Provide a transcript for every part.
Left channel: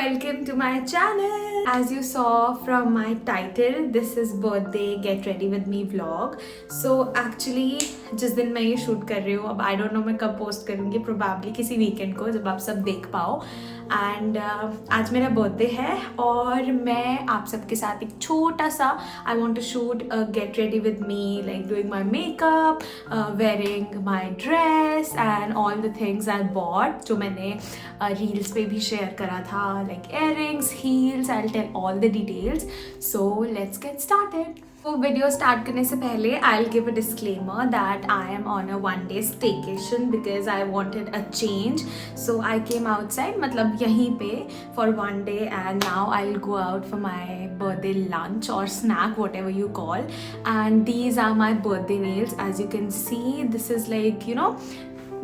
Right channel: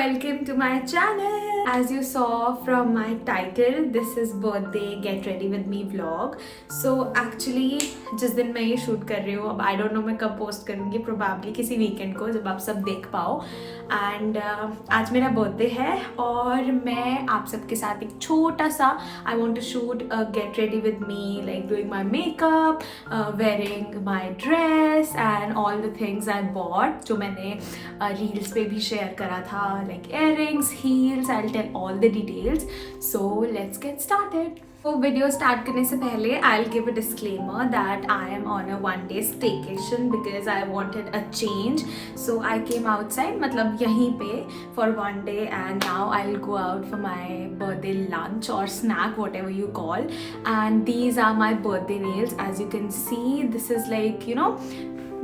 welcome to my channel. As you saw from my title, this is birthday get ready with me vlog. So actually जिस दिन मैं ये shoot कर रही हूँ, अब I don't know मैं कब पोस्ट करूँगी, probably किसी वीकेंड को जब आप सब देख पाओ. एंड आज मेरा बर्थडे है और मैं आप सबके साथ एक छोटा सा I want to shoot get ready with me, like doing my makeup, wearing my dress and all the things I bought, जो मैंने रील्स पे भी शेयर करा था, like earrings, heels. I will tell all the details. So let's get started. तो video start करने से पहले I will give a disclaimer that I am on a 1 day staycation because I wanted a change. So I came outside, मतलब यहीं पे for 1 day, and now I will go out for my birthday lunch or snack, whatever you call. And these are my birthday nails. As you can see, this is like, you know,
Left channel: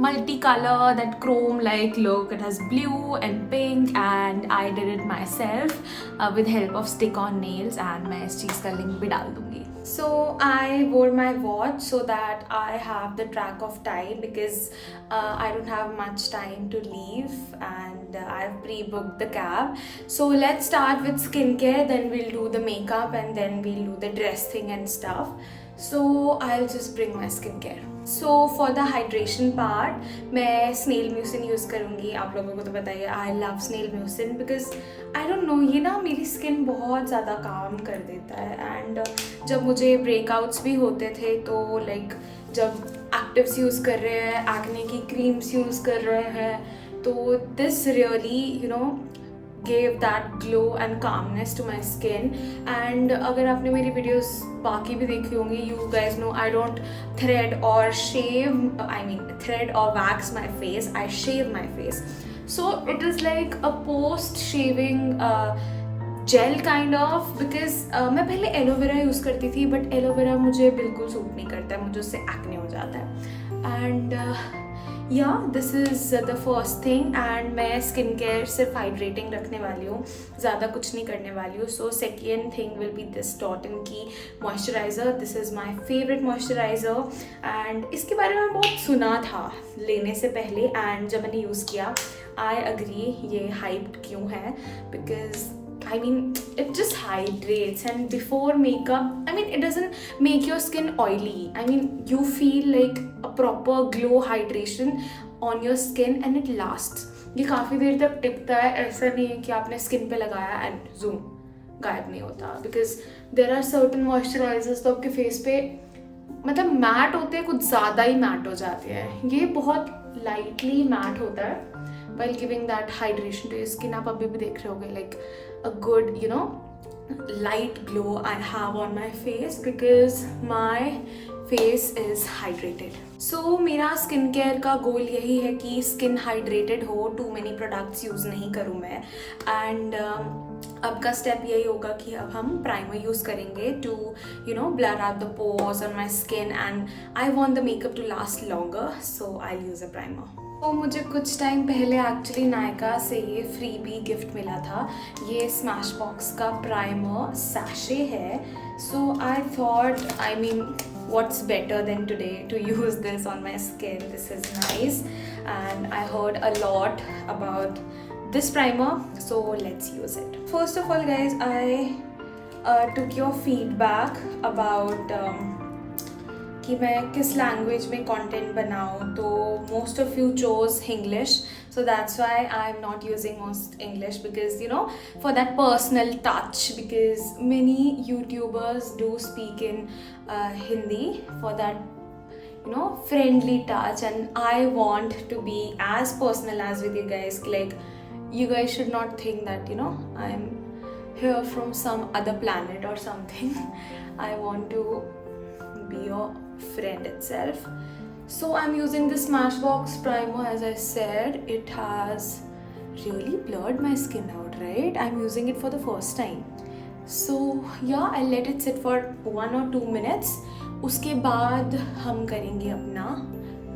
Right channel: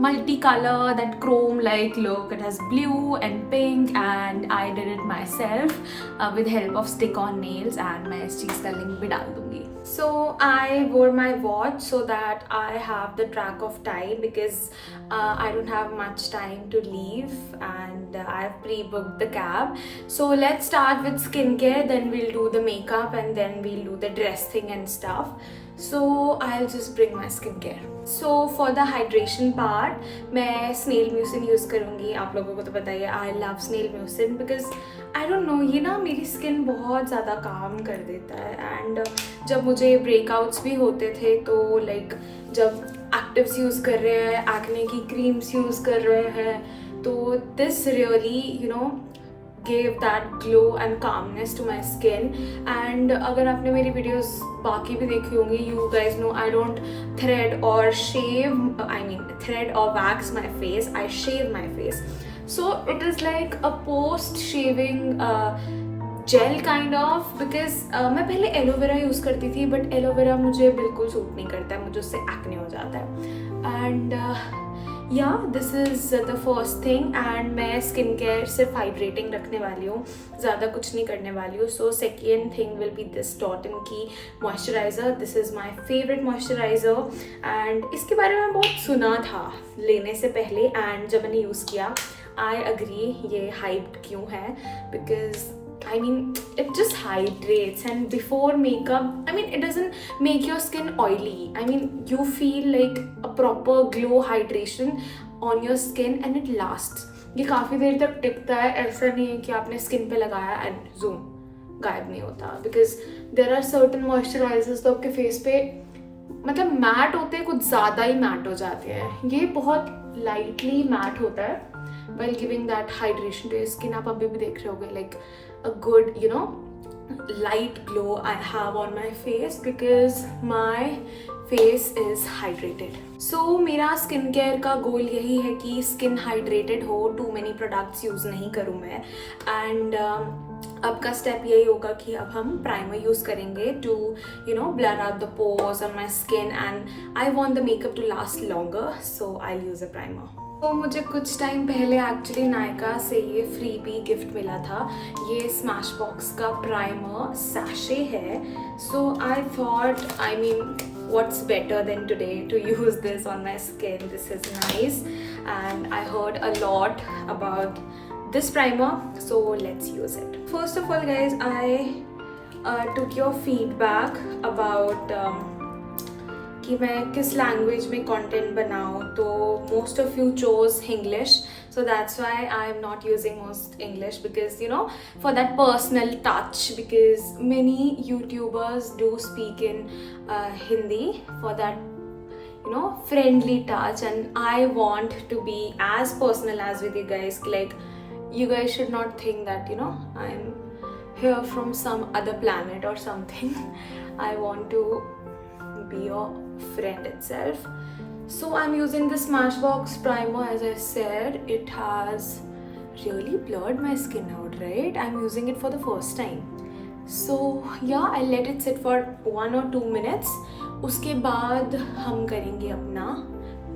multicolor, that chrome like look. It has blue and pink and I did it myself with help of stick on nails, and मैं इस चीज़ का link भी डाल दूंगी. So I wore my watch so that I have the track of time because I don't have much time to leave and I've pre-booked the cab. So let's start with skincare, then we'll do the makeup and then we'll do the dress thing and stuff. So I'll just bring my skincare. So for the hydration part, मैं snail mucin use करूँगी. आप लोगों को तो पता ही है, I love snail mucin because I don't know, ये ना मेरी स्किन बहुत ज़्यादा काम कर देता है. एंड जब मुझे ब्रेकआउट्स भी होते थे तो लाइक जब एक्टिव्स यूज़ कर रहे हैं, एक्ने की क्रीम्स यूज़ कर रहे हैं, तो this really you know gave that glow and calmness to my skin. And अगर आपने मेरी videos बाकी भी देखी होंगी, you guys know I don't thread or shave, I mean thread or wax my face, I shave my face. So it is like a post shaving gel kind of, because मैं पहले aloe vera use करती थी but aloe vera मुझे बिल्कुल suit नहीं करता है, मुझे उससे एक्ने हो जाता है. And yeah this is the first thing. And मैं स्किन केयर सिर्फ हाइड्रेटिंग रखने वाली हूँ, ज़्यादा कुछ नहीं करने वाली हूँ. So second thing will be this Dot and Key moisturizer. This is my favourite moisturizer and इसके बारे में बहुत सुना था लेने से पहले, एंड जब मैंने यूज़ किया आई अग्री ये हाइप्ड क्यों है, because I mean, it just hydrates, and before makeup, I mean, it doesn't make your skin oily. I mean, you feel like a proper glow hydration on your skin and it lasts. ये काफ़ी देर तक टिकता है, ऐसा नहीं है कि आपने स्किन पे लगाया and zoom गायब नहीं होता. Because there are certain moisturizers तो आपके फेस पे मतलब मैट होते हैं, कुछ ज़्यादा ही मैट हो जाते हैं. ये बहुत लाइटली मैट होता है while giving that hydration to your skin. आप अभी भी देख रहे होगे like a good, you know, light glow I have on my face because my face is hydrated. So मेरा स्किन केयर का गोल यही है कि स्किन हाइड्रेटेड हो, टू मेनी प्रोडक्ट्स यूज़ नहीं करूँ मैं. एंड अब का स्टेप यही होगा कि अब हम प्राइमर यूज़ करेंगे to you know blur out the pores on my skin, and I want the makeup to last longer, so I use a primer. तो मुझे कुछ टाइम पहले एक्चुअली नायका से ये फ्री बी गिफ्ट मिला था. ये स्मैश बॉक्स का प्राइमर सैशे है. So I thought, I mean, what's better than today to use this on my skin. This is nice and I heard a lot about this primer, so let's use it. First of all guys, I took your feedback about कि मैं किस language में content बनाऊँ, तो most of you chose English, so that's why I'm not using most English because you know for that personal touch, because many YouTubers do speak in Hindi for that you know friendly touch, and I want to be as personal as with you guys. Like you guys should not think that you know I'm here from some other planet or something. I want to be your friend itself. So I'm using the Smashbox primer. As I said, it has really blurred my skin out, right? I'm using it for the first time. So yeah, I'll let it sit for 1 or 2 minutes. उसके बाद हम करेंगे अपना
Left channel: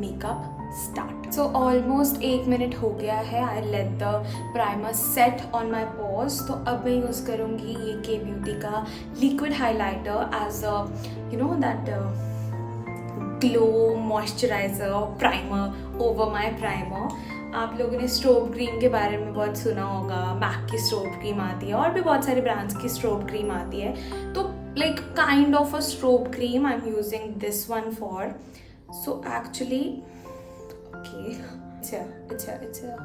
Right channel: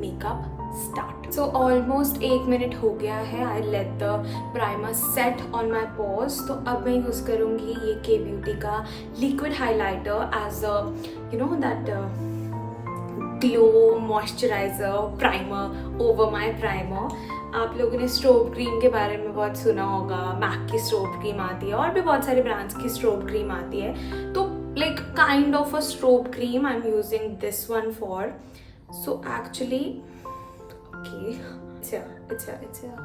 makeup start. So almost 1 minute हो गया है. I let the primer set on my pores. तो अब मैं यूज़ करूँगी ये के ब्यूटी का liquid highlighter as a you know that glow moisturizer primer over my primer. आप लोगों ने स्ट्रोब क्रीम के बारे में बहुत सुना होगा, मैक की स्ट्रोब क्रीम आती है और भी बहुत सारे ब्रांड्स की स्ट्रोब क्रीम आती है. तो like kind of a strobe cream I am using this one for. So actually okay, अच्छा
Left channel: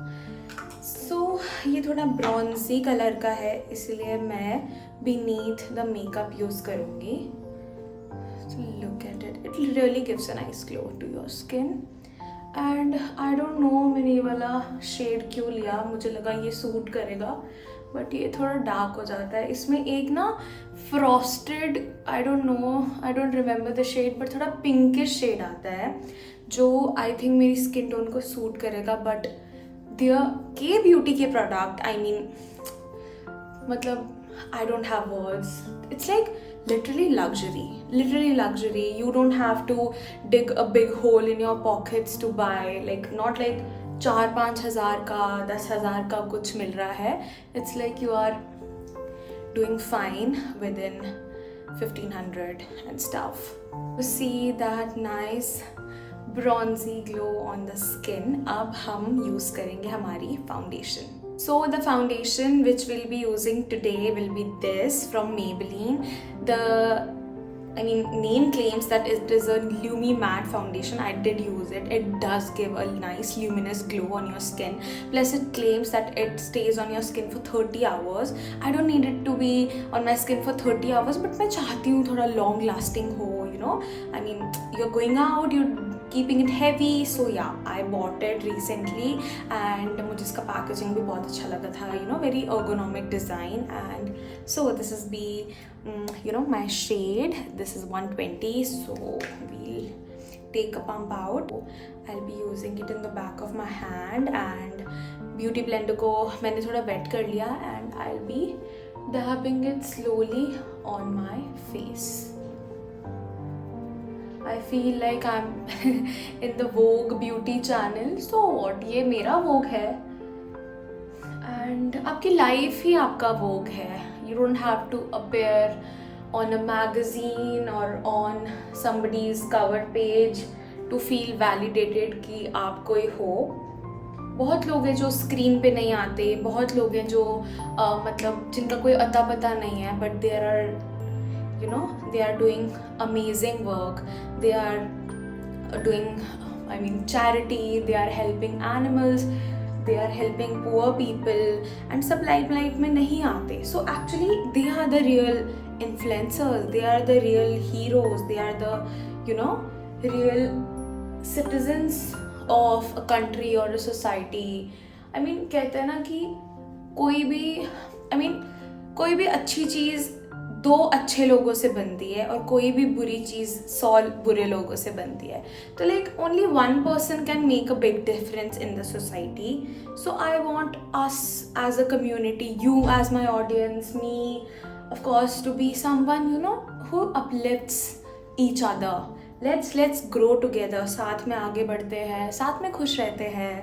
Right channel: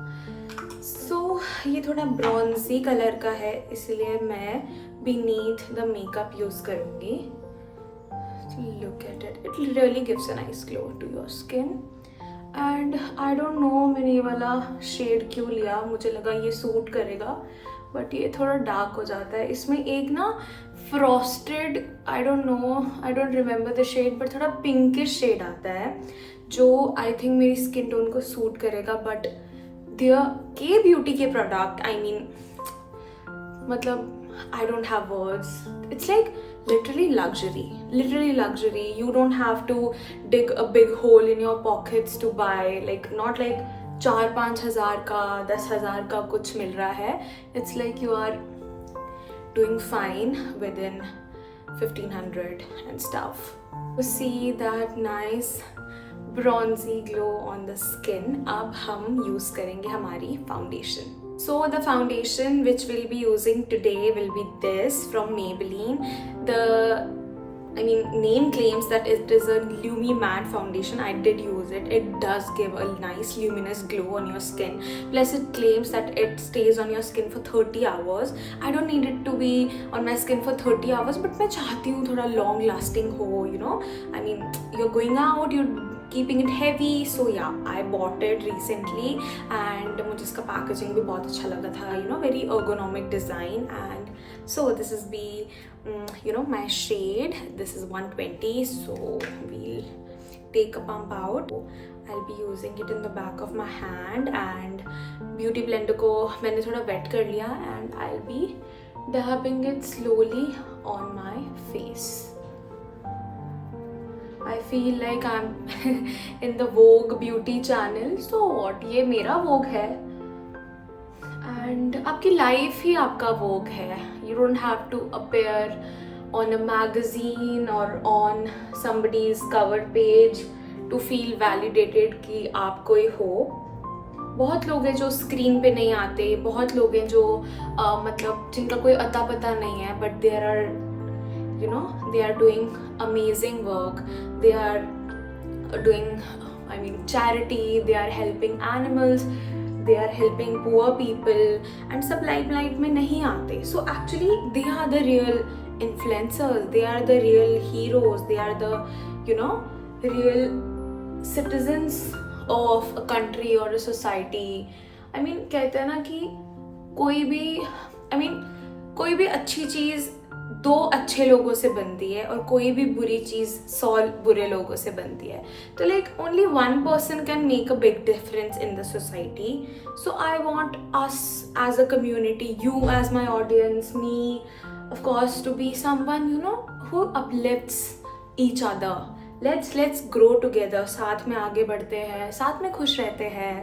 सो ये थोड़ा ब्रॉन्जी कलर का है, इसलिए मैं बीनीथ द मेकअप यूज करूँगी. Look at it, it really gives a nice glow to your skin. And I don't know मैंने ये वाला शेड क्यों लिया, मुझे लगा ये सूट करेगा बट ये थोड़ा डार्क हो जाता है. इसमें एक ना frosted, I don't remember the shade, but थोड़ा पिंकिश शेड आता है जो आई थिंक मेरी स्किन टोन को सूट करेगा. बट के ब्यूटी के प्रोडक्ट, आई मीन मतलब I don't have words. It's like literally luxury. You don't have to dig a big hole in your pockets to buy, like not like 4-5 हज़ार का 10 हज़ार का कुछ मिल रहा है. It's like you are doing fine within 1500 and stuff. To see that nice bronzy glow on the skin, अब हम use करेंगे हमारी foundation. So the foundation which we'll be using today will be this from Maybelline. Name claims that it is a Lumi Matte foundation. I did use it. It does give a nice luminous glow on your skin. Plus it claims that it stays on your skin for 30 hours. I don't need it to be on my skin for 30 hours, but मैं चाहती हूँ थोड़ा long lasting हो, you know. I mean, you're going out, you're keeping it heavy, so yeah, I bought it recently and मुझे इसका packaging भी बहुत अच्छा लगा था, you know, very ergonomic design. And so this is my shade. This is 120, so we'll take a pump out. I'll be using it in the back of my hand and beauty blender को मैंने थोड़ा wet कर लिया and I'll be dabbing it slowly on my face. I feel like I'm in the Vogue beauty channel. So what? ये मेरा Vogue है and आपकी life ही आपका Vogue है. You don't have to appear on a magazine or on somebody's cover page to feel validated कि आप कोई हो. बहुत लोग हैं जो स्क्रीन पे नहीं आते, बहुत लोग हैं जो मतलब जिनका कोई अता पता नहीं है, but there are, you know, they are doing amazing work. They are doing, I mean, charity. They are helping animals. They are helping poor people. And सब limelight में नहीं आते. So actually, they are the real influencers. They are the real heroes. They are the, you know, real citizens of a country or a society. I mean, कहते हैं ना कि कोई भी अच्छी चीज़ 2 अच्छे लोगों से बनती है और कोई भी बुरी चीज़ 100 बुरे लोगों से बनती है. तो like only one person can make a big difference in the society. So I want us as a community, you as my audience, me of course, to be someone, you know, who uplifts each other. Let's grow together. साथ में आगे बढ़ते हैं, साथ में खुश रहते हैं,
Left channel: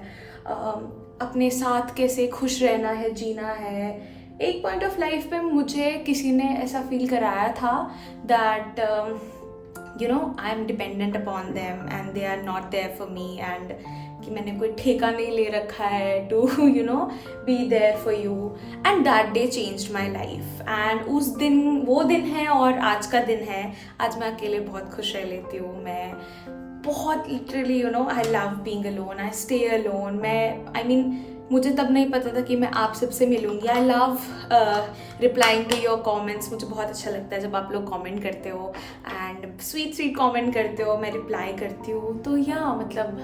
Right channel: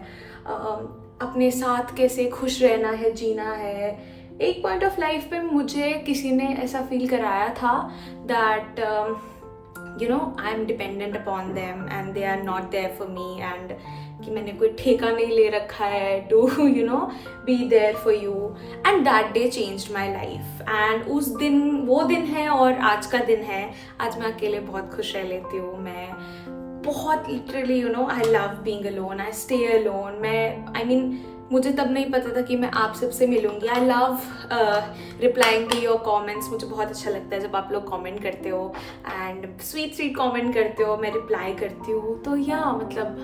अपने साथ कैसे खुश रहना है, जीना है. एक पॉइंट ऑफ लाइफ पे मुझे किसी ने ऐसा फील कराया था that you know I am dependent upon them and they are not there for me, and कि मैंने कोई ठेका नहीं ले रखा है to you know be there for you. And that day changed my life. And उस दिन वो दिन है और आज का दिन है. आज मैं अकेले बहुत खुश रह लेती हूँ. मैं बहुत literally you know I love being alone. I stay alone. मुझे तब नहीं पता था कि मैं आप सबसे मिलूंगी. I love replying to your comments. मुझे बहुत अच्छा लगता है जब आप लोग कमेंट करते हो एंड स्वीट कमेंट करते हो, मैं रिप्लाई करती हूँ. तो या मतलब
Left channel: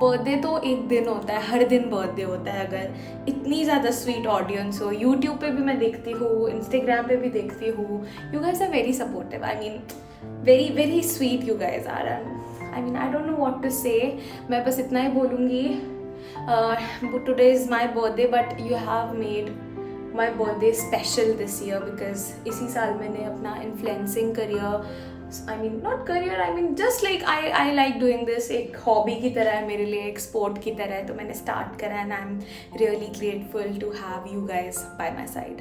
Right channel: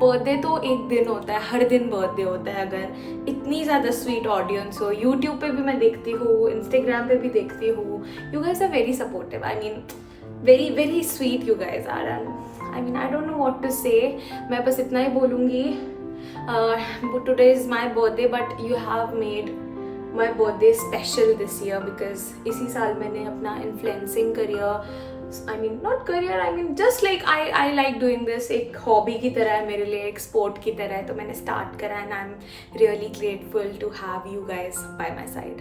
बर्थडे तो एक दिन होता है, हर दिन बर्थडे होता है. अगर इतनी ज़्यादा स्वीट ऑडियंस हो, यूट्यूब पे भी मैं देखती हूँ, इंस्टाग्राम पे भी देखती हूँ. You guys are very supportive. Very very sweet you guys are. I don't know what to say. मैं बस इतना ही बोलूँगी. Today is my birthday, but you have made my birthday special this year because इसी साल मैंने अपना influencing career, just like I like doing this. एक hobby की तरह है मेरे लिए, एक sport की तरह है. तो मैंने start करा and I'm really grateful to have you guys by my side.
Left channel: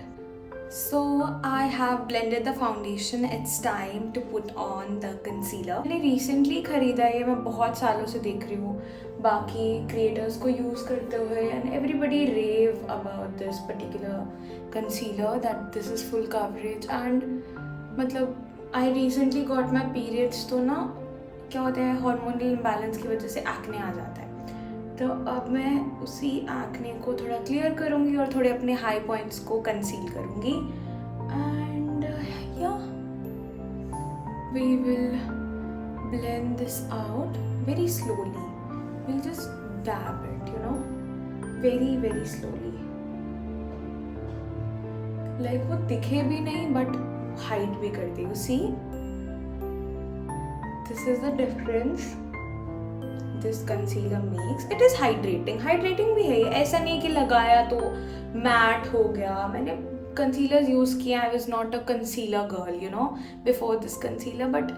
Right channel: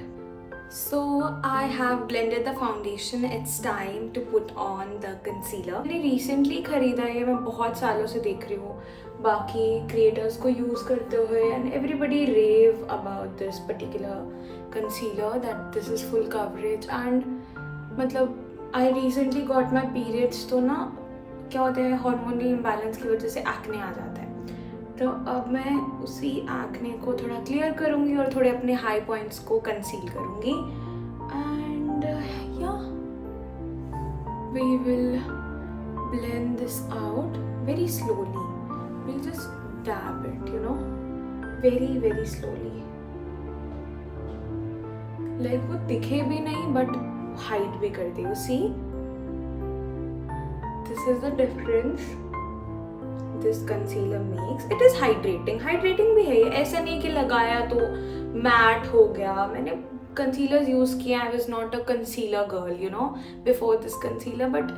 So I have blended the foundation. It's time to put on the concealer. मैंने recently खरीदा है, मैं बहुत सालों से देख रही हूँ बाकी creators को use करते हुए, and everybody rave about this particular concealer that this is full coverage. And मतलब I recently got my periods, तो ना क्या होता है hormonal imbalance की वजह से acne आ जाता है. तो अब मैं उसी एक्ने को थोड़ा क्लियर करूँगी और थोड़े अपने हाई पॉइंट्स को कंसील करूँगी. एंड या we will blend this out very slowly. We'll just dab it, you know, very very slowly. Like वो दिखे भी नहीं but हाइड भी कर दी. You see, this is the difference this concealer makes. It is hydrating भी है ये. ऐसा नहीं कि लगाया तो मैट हो गया. मैंने concealers यूज किया. I was not a concealer girl, you know, before this concealer, but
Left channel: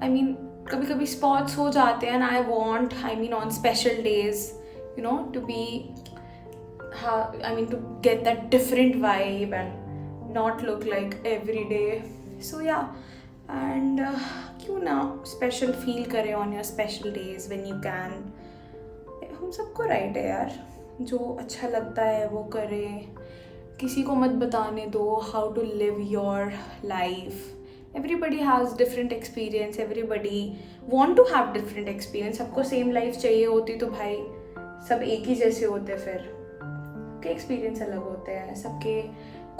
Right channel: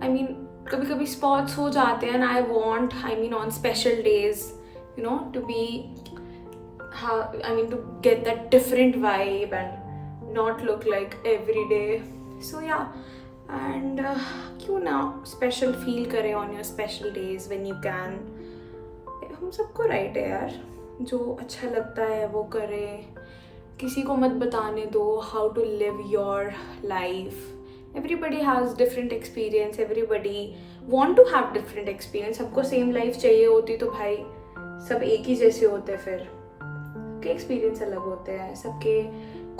I mean कभी कभी spots हो जाते हैं, and I want, I mean on special days, you know, to be to get that different vibe and not look like every day. So yeah, and क्यों ना special feel करें on your special days when you can. हम सबको right है यार, जो अच्छा लगता है वो करें. किसी को मत बताने दो how to live your life. Everybody has different experience, everybody want to have different experience. सबको सेम लाइफ चाहिए होती तो भाई सब एक ही जैसे होते. फिर सबके एक्सपीरियंस अलग होते हैं, सबके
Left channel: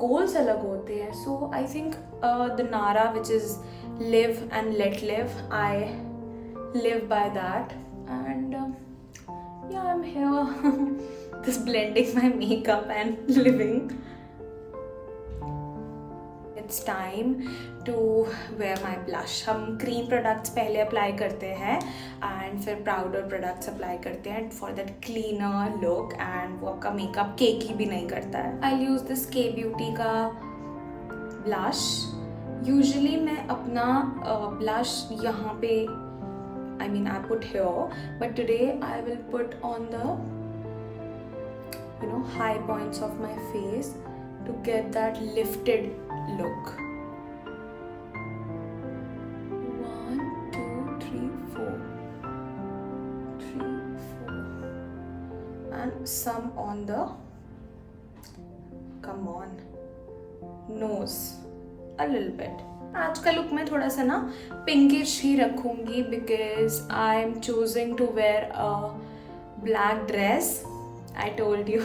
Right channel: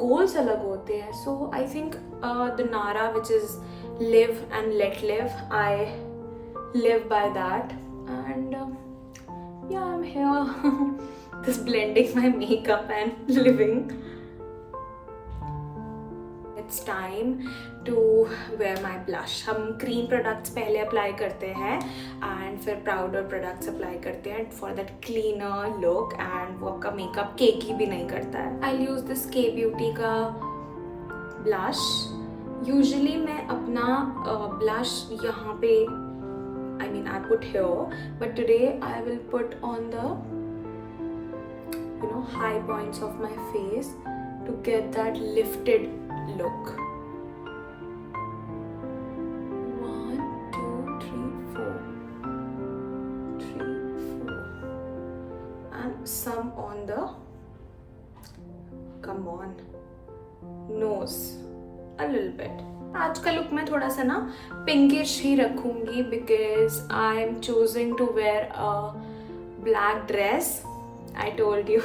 गोल्स अलग होते हैं. सो आई थिंक द नारा which is live and let live, I live by that. And yeah, I'm here just blending my makeup and living. It's time to wear my blush. हम cream products पहले apply करते हैं and फिर powder products apply करते हैं for that cleaner look, and वो आपका makeup cakey भी नहीं करता है. I'll use this K Beauty का blush. यूजली मैं अपना ब्लश यहाँ पे I put here, but today I will put on the high points of my face to get that lifted look. 1 2 3 4 3 4 and some on the nose a little bit. आज का look मैं थोड़ा सा ना पिंकिश ही रखूँगी because I am choosing to wear a black dress. I told you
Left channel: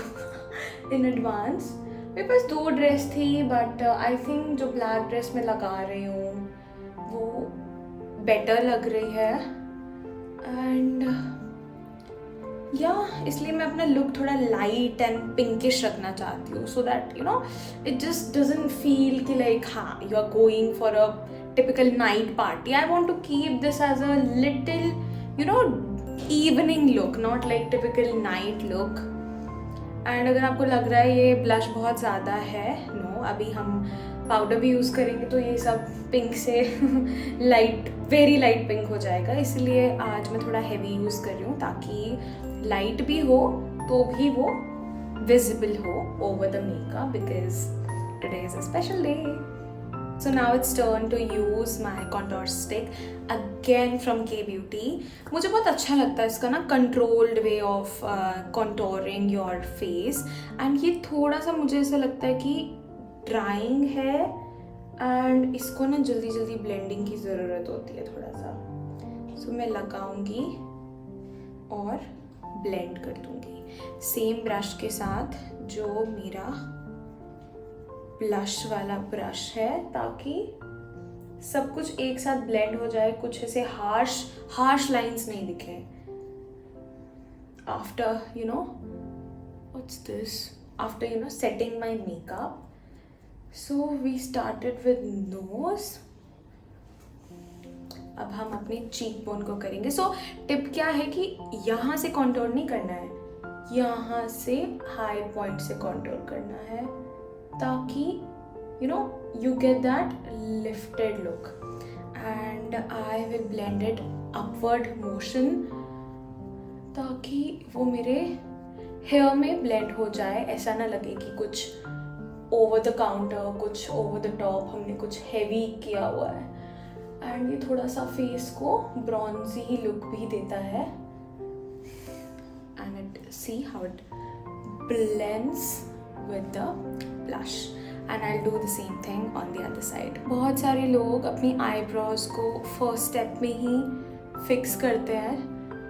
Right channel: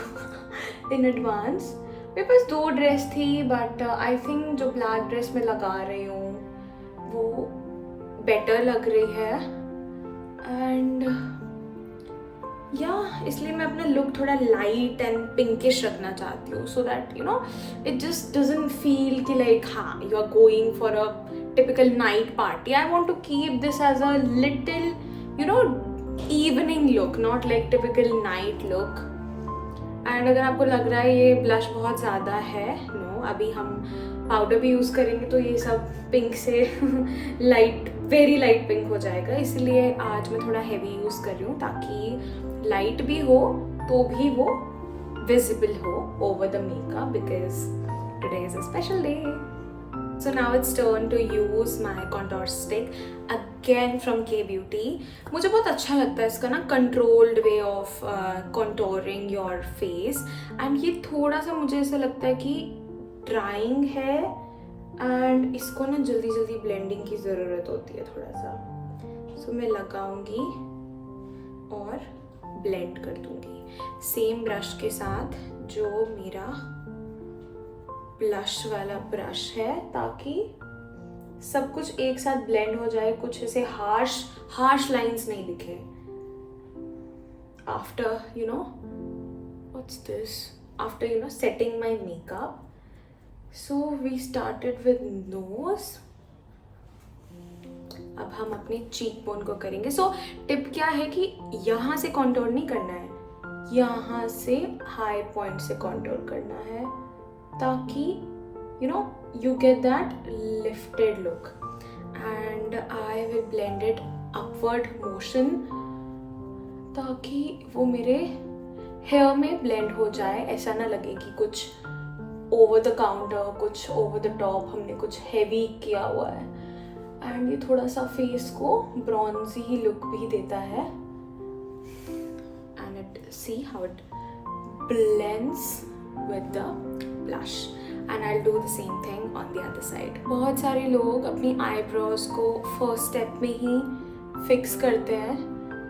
in advance. मेरे पास 2 dress थी but I think जो black dress मैं लगा रही हूँ वो better लग रही है. And इसलिए मैं अपना लुक थोड़ा लाइट एंड पिंकिश रखना चाहती हूँ, so that it just doesn't feel कि लाइक हाँ you are going for a typical night party. I want to keep this as a little evening look, not like typical night look. And अगर आपको लग रहा है ये blush बहुत ज़्यादा है, नो, अभी हम पाउडर भी यूज़ करेंगे तो ये सब पिंक से लाइट, वेरी लाइट पिंक हो जाएगा. इसलिए आज मैं थोड़ा हैवी यूज़ कर रही हूँ ताकि लाइट भी हो तो भी वो विजिबल हो over the makeup, because today is a special day. So now it's turn to use my contour stick again from K Beauty. मुझे बहुत अच्छा लगता है इसका ना controlled way of contouring your face. And ये थोड़ा सा मुझे ऐसा लगता है कि ड्राइंग है एंड इसको ना जल्दी जल्दी ब्लेंडिंग की ज़रूरत होती है थोड़ा सा. सो मैं लगाऊंगी और ब्लेंड कर दूंगी सेम ब्रश के साथ जो मेरा ब्लश वाला ब्रश है, ताकि सब कुछ एक साथ ब्लेंड हो जाए, कुछ ऐसे हार्श लाइंस नहीं दिखे. After what's this, after setting my makeup. So we started with nose. अब हम अपने चीक बोन को करेंगे. सो टिप क्या है कि यहाँ से कॉन्टोर नहीं करना है, यहाँ से हाई पॉइंट से कॉन्टोर करना है, ताकि you get that lifted look. And I will blend it upward motion ताकि वो मेरे हेयर में ब्लेंड हो जाए. ऐसा ना लगे कि कुछ ओवर द काउंटर, कुछ ओवर द टॉप हमने कुछ हैवी किया हुआ है. एंड ये थोड़ा सा फेस को ब्रॉन्जी लुक भी देता है. And it see how it blends with the blush and I'll do the same thing on the other side. बहुत सारे लोग अपनी eyebrows को first step में ही fix करते हैं,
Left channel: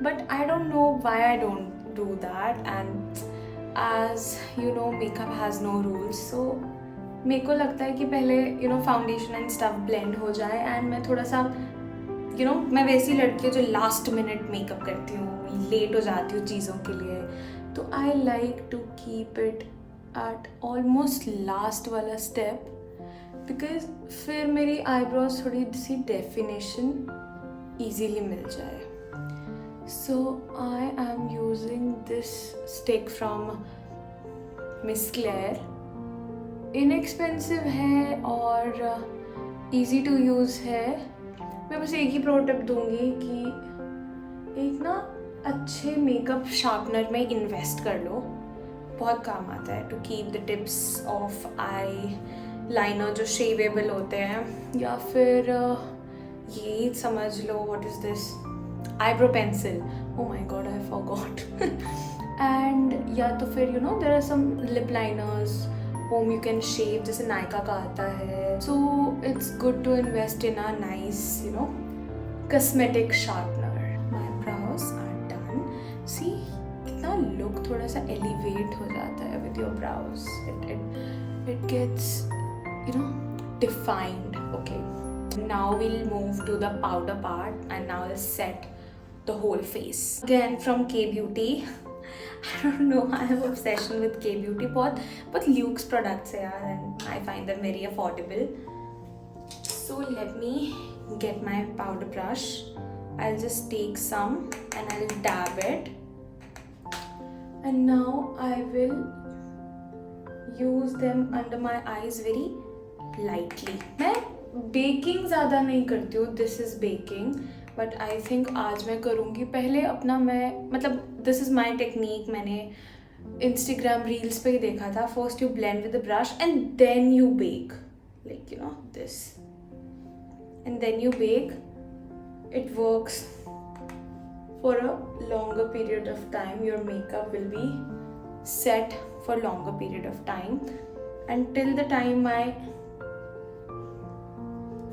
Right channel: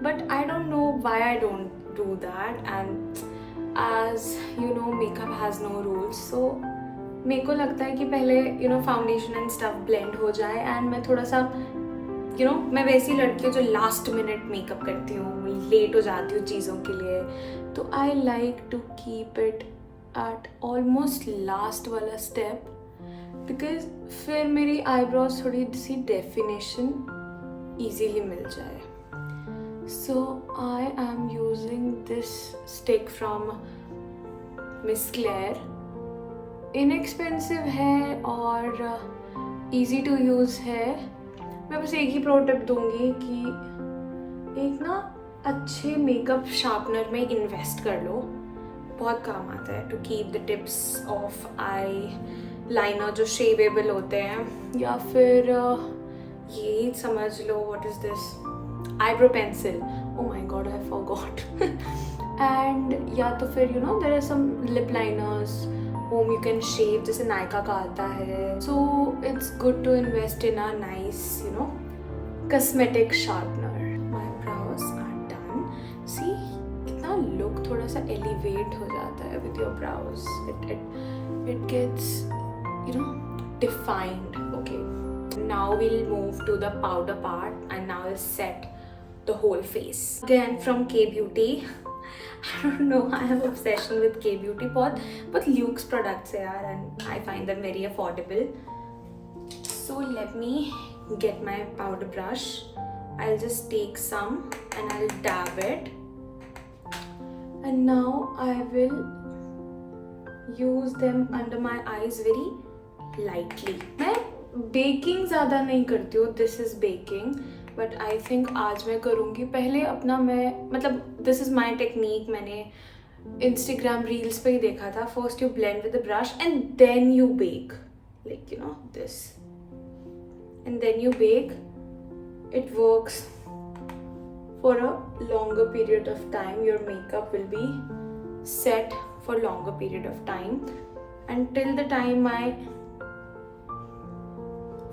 but I don't know why I don't do that. And as you know, makeup has no rules, so मेरे को लगता है कि पहले foundation and stuff blend हो जाए. and मैं थोड़ा सा मैं वैसी लड़की हूँ जो लास्ट मिनट मेकअप करती हूँ, लेट हो जाती हूँ चीज़ों के लिए. तो I like to keep it at almost last वाला स्टेप, बिकॉज फिर मेरी आईब्रोज थोड़ी सी डेफिनेशन ईजीली मिल जाए. So I am using this stick from Miss Claire. Inexpensive है और ईजी टू यूज़ है. मैं बस एक ही प्रो टिप दूंगी कि एक ना अच्छे मेकअप शार्पनर में इन्वेस्ट कर लो, बहुत काम आता है to keep the tips of eyeliner जो शेवेबल होते हैं. या फिर ये समझ लो, what is this, eyebrow pencil. Oh my god, I forgot. And या तो फिर there are some lip liners whom you can shave, जैसे नायका का आता है. So it's good to invest in a nice cosmetic sharpener. My brows are done. See, कितना look थोड़ा सा elevate हो जाता है with your brows. It gets defined. Okay, now we'll move to the powder part and now we'll set the whole face. Again from K Beauty. I don't know, I have obsession with K Beauty. बहुत Luxe products है यार, and I find them very affordable. So let me get my powder brush. I'll just take some and I'll dab it. And now I will use them under my eyes very lightly. मैं baking ज़्यादा नहीं करती हूँ. This is baking. But I think आज मैं करूँगी. पहले अपना दिस इज़ माई टेक्निक, मैंने इंस्टाग्राम रील्स पे ही देखा था. First you blend with the brush and then you bake, like this, and then you bake. It works for a longer period of time. Your makeup will be set for longer period of time, and till the time my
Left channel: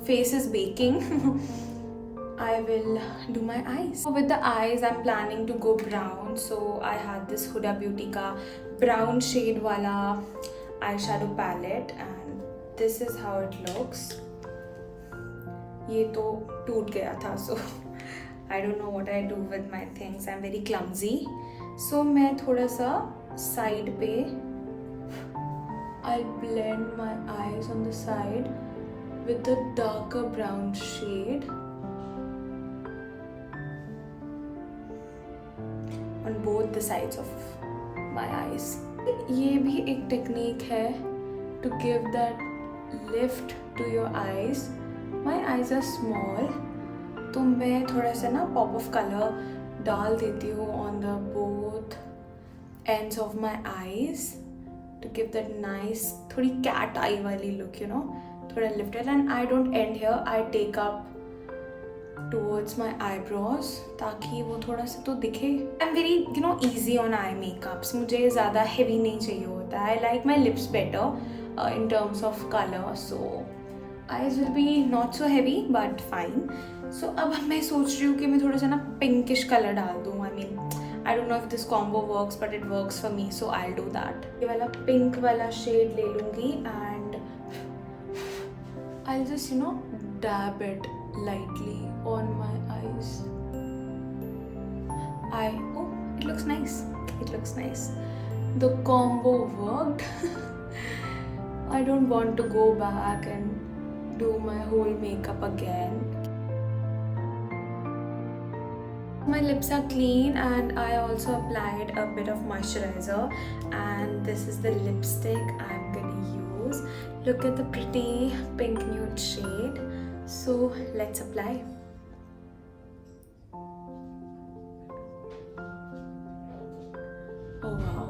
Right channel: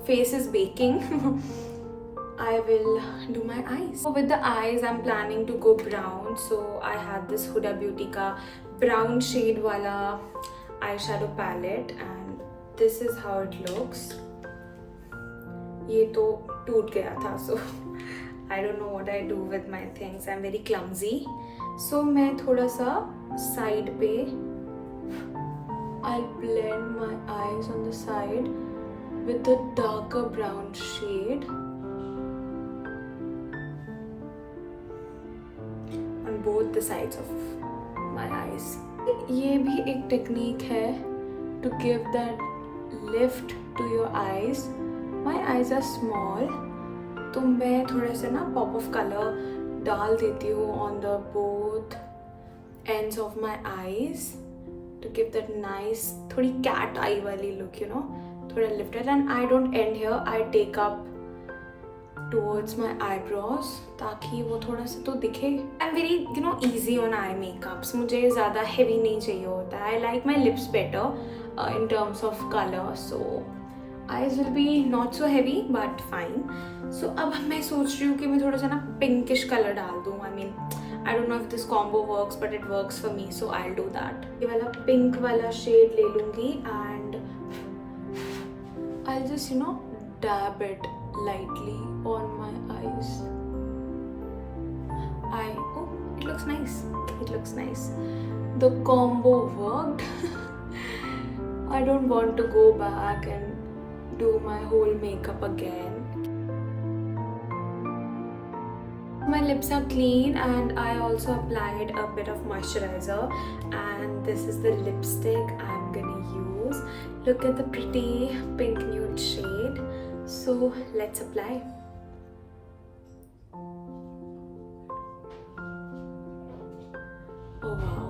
face is baking. I will do my eyes. So with the eyes I'm planning to go brown. So I have this Huda Beauty का brown shade वाला eyeshadow palette and this is how it looks. ये तो टूट गया था, so I don't know what I do with my things. I'm very clumsy. So मैं थोड़ा सा side पे I'll blend my eyes on the side with a darker brown shade on both the sides of my eyes. ये भी एक technique है to give that lift to your eyes. My eyes are small, तो मैं थोड़ा सा ना pop of color डाल देती हूँ on the both ends of my eyes to give that nice थोड़ी cat eye वाली look, थोड़ा lifted. And I don't end here, I take up towards my eyebrows ताकि वो थोड़ा सा तो दिखे. I'm very easy on eye makeups. मुझे ज़्यादा heavy नहीं चाहिए होता. I like my lips better in terms of color, so eyes will be not so heavy but fine. So अब मैं सोच रही हूँ कि मैं थोड़ा सा ना pinkish color डाल दूँ. I mean, I don't know if this combo works, but it works for me, so I'll do that. ये वाला pink वाला shade ले लूँगी and I'll just dab it lightly on my eyes. Oh, it looks nice. It looks nice. The combo worked. I don't want to go back and do my whole makeup again. My lips are clean and I also applied a bit of moisturizer, and this is the lipstick I'm gonna use. Look at the pretty pink nude shade. So let's apply. Oh wow.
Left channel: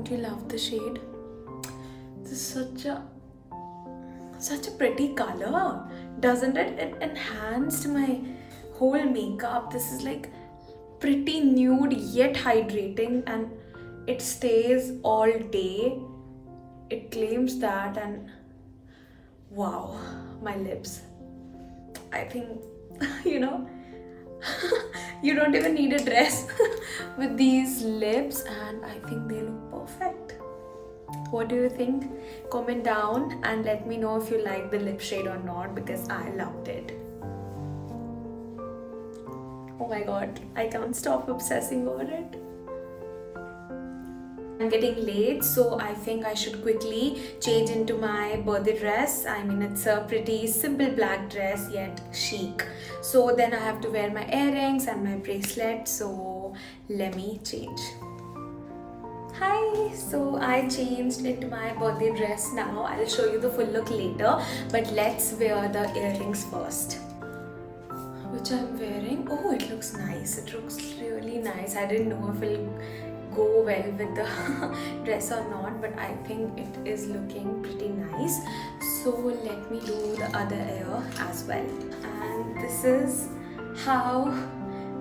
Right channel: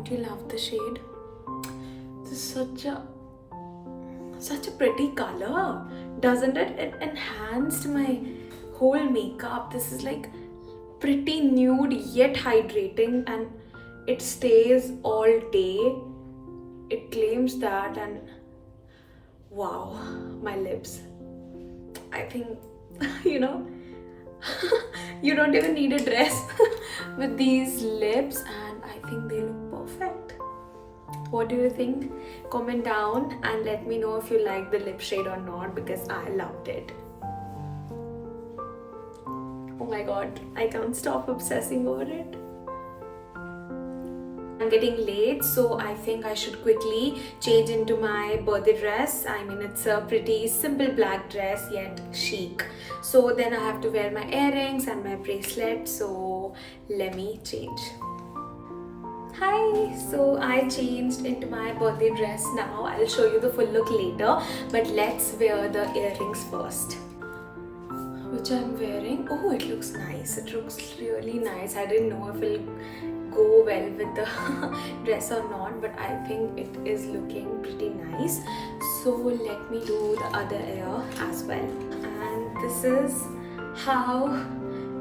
Don't you love the shade? This is such a pretty color, doesn't it? It enhanced my whole makeup. This is like pretty nude yet hydrating, and it stays all day. It claims that, and wow, my lips. I think, you know, you don't even need a dress with these lips, and I think they look perfect. What do you think? Comment down and let me know if you like the lip shade or not, because I loved it. Oh my god, I can't stop obsessing over it. I'm getting late, so I think I should quickly change into my birthday dress. I mean, it's a pretty simple black dress yet chic. So then I have to wear my earrings and my bracelet, so let me change. Hi, so I changed into my birthday dress now. I'll show you the full look later, but let's wear the earrings first. Which I'm wearing. Oh, it looks nice. It looks really nice. I didn't know if it'll go well with the dress or not, but I think it is looking pretty nice. So let me do the other ear as well. And this is how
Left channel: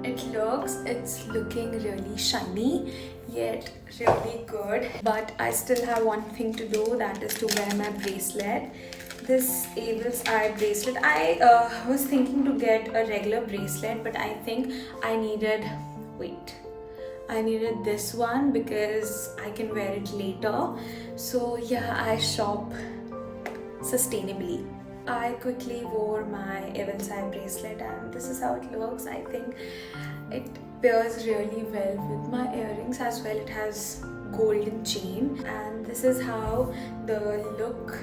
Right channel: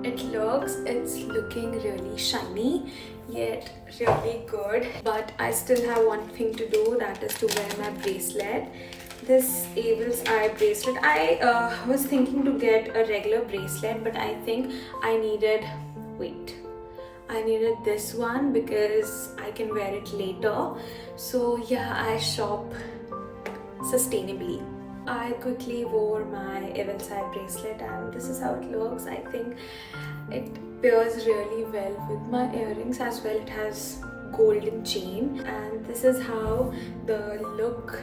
it looks. It's looking really shiny yet really good, but I still have one thing to do, that is to wear my bracelet. This Abel's Eye bracelet. I was thinking to get a regular bracelet, but I think I needed this one because I can wear it later. So yeah, I shop sustainably. I quickly wore my Abel's Eye bracelet, and this is how it looks. I think it pairs really well with my earrings as well. It has golden chain, and this is how the look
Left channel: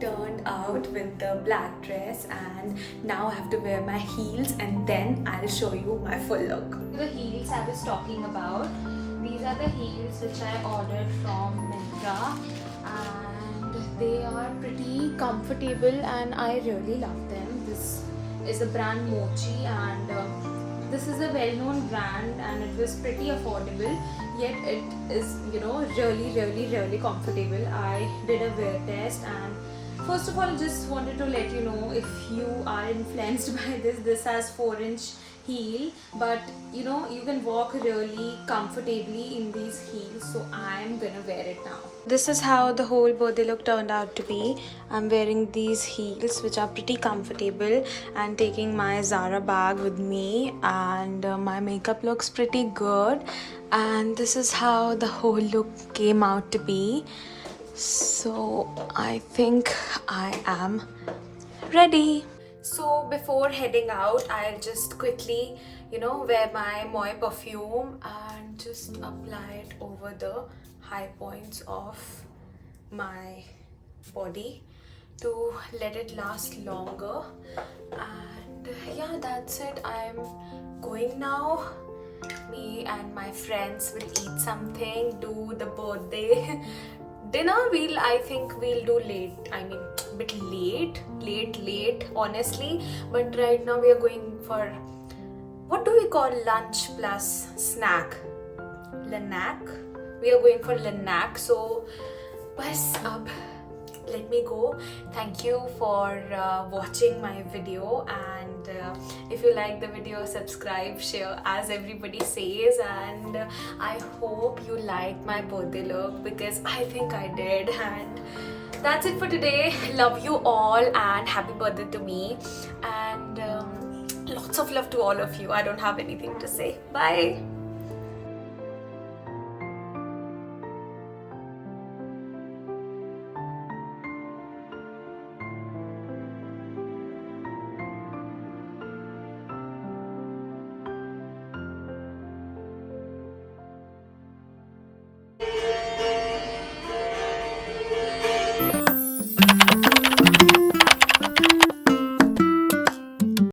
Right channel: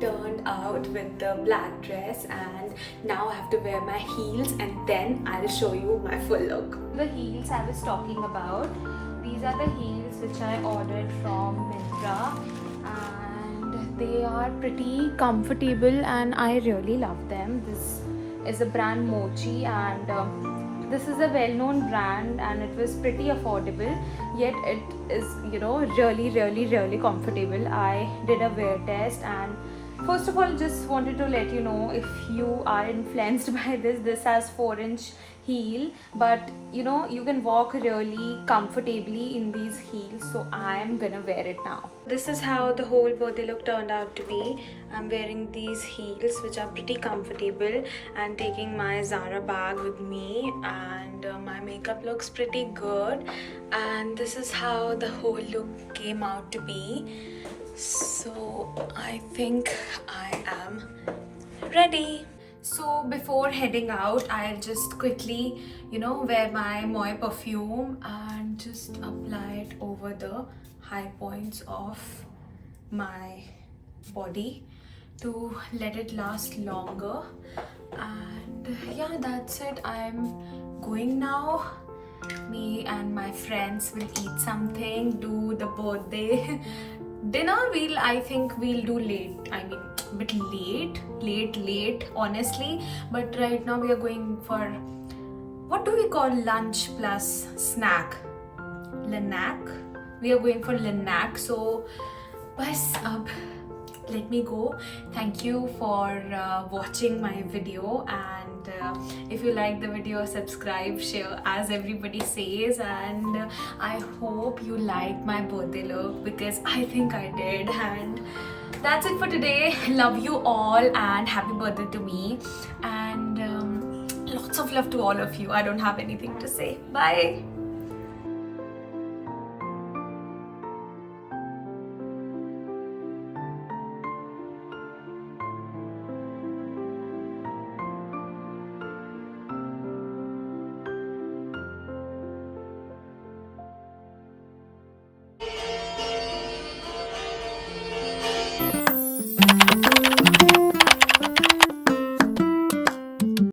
turned out with the black dress. And now I have to wear my heels, and then I'll show you my full look. The heels I was talking about, these are the heels which I ordered from Myntra, and they are pretty comfortable and I really love them. This is the brand Mochi, and this is a well-known brand, and it was pretty affordable, yet it is, you know, really comfortable. I did a wear test, and first of all, just wanted to let you know, if you are influenced by this has 4-inch heel, but you know, you can walk really comfortably in these heels, so I am gonna wear it now. This is how the whole birthday look turned out to be. I'm wearing these heels which are pretty comfortable and taking my Zara bag with me, and my makeup looks pretty good, and this is how the whole look came out to be. So I think I am ready. So before heading out, I'll just quickly, you know, wear my Moe perfume and just apply it over the high points of my body to let it last longer. And yeah, that's it. I'm going now. Me and my friends will eat something, do the birthday dinner. I think we'll do late. I mean, a bit late honestly, but right now we are going for, what do we call lunch plus snack? Lanac. We are going for Lanac. So bas ab let me go. Thank you for watching my video, and if you like the video, subscribe, share, as everybody says, and I hope you liked my birthday look, because I think I did. And that's it for today. Love you all and happy birthday to me, and lots of love to all of you. I don't have anything to say. Bye.